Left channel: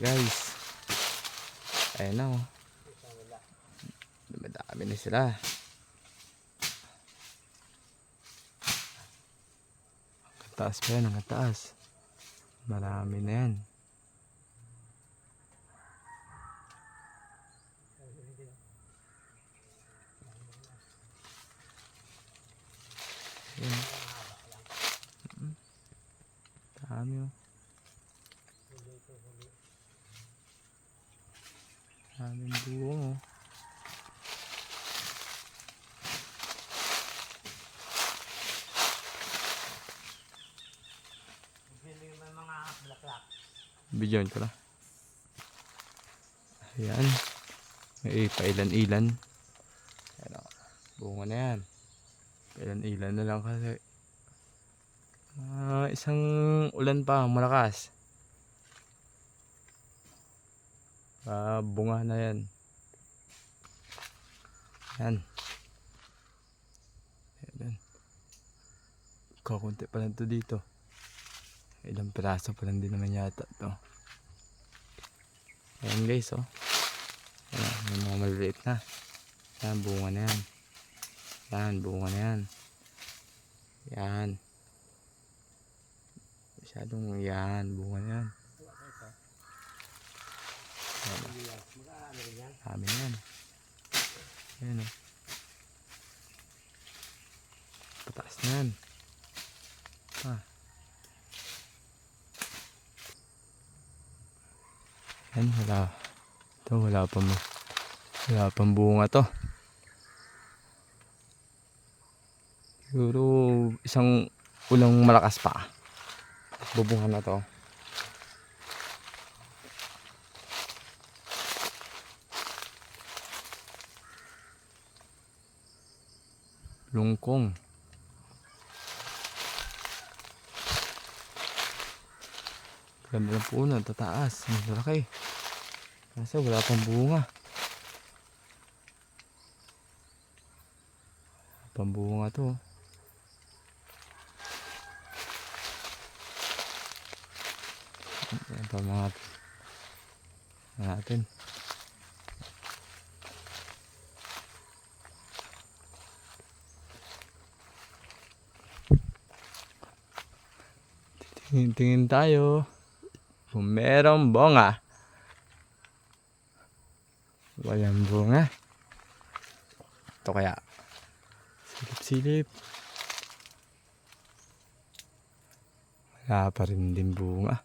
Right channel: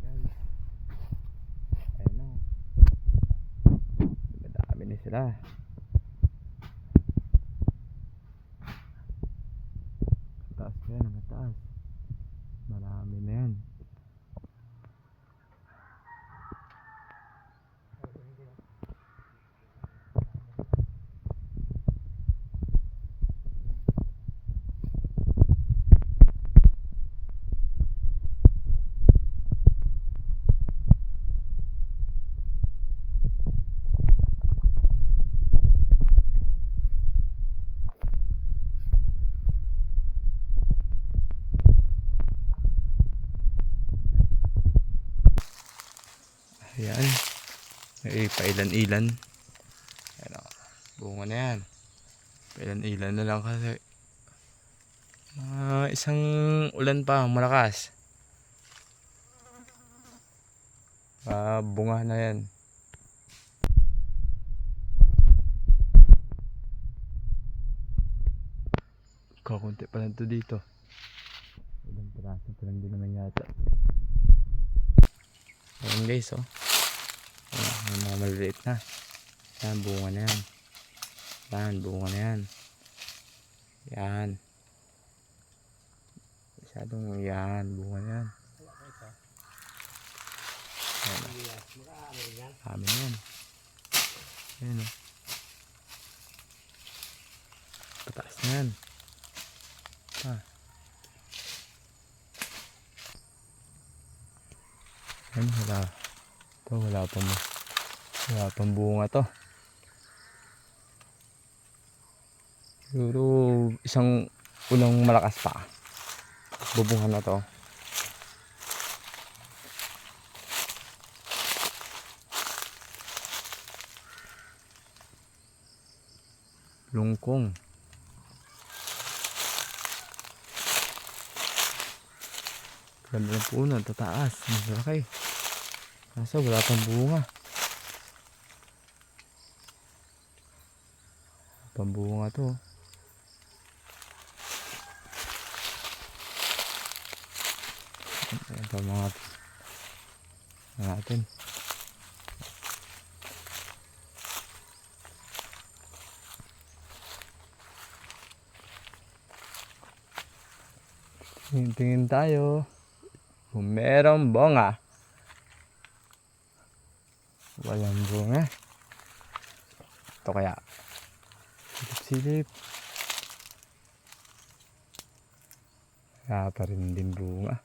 guys. Ayan na oh. Madami na sila. Ang taas pa yan, ang taas. Marami na yan. Bidyon ko lang. Ayan. May pailan-ilan. Ayan o. Bunga na yan. Pailan-ilan na lang kasi. Isang ulan pa. Malakas. Bunga na yan. Ayan. Ayan. Kakunti pa lang ito dito. Ilang piraso pa lang din naman yata ito. Ayan guys oh. Ayan, may mga maliliit na. Ayan, bunga na yan. Ayan, bunga na yan. Ayan. Masyadong yan, bunga na yan. Ayan oh. Amin na yan. Ayan oh. Pataas na yan. Ayan, wala. Ito, wala pang bunga to. Siguro isang ulang malakas pa. Bubunga na to. Lungkong. Ganda ng puno, tataas. Malaki. Kaso wala pang bunga. Pambunga to. Ayan pa mga natin. Tingin tayo kung merong bunga. Walang bunga. Ito kaya silip-silip. Wala pa rin din bunga.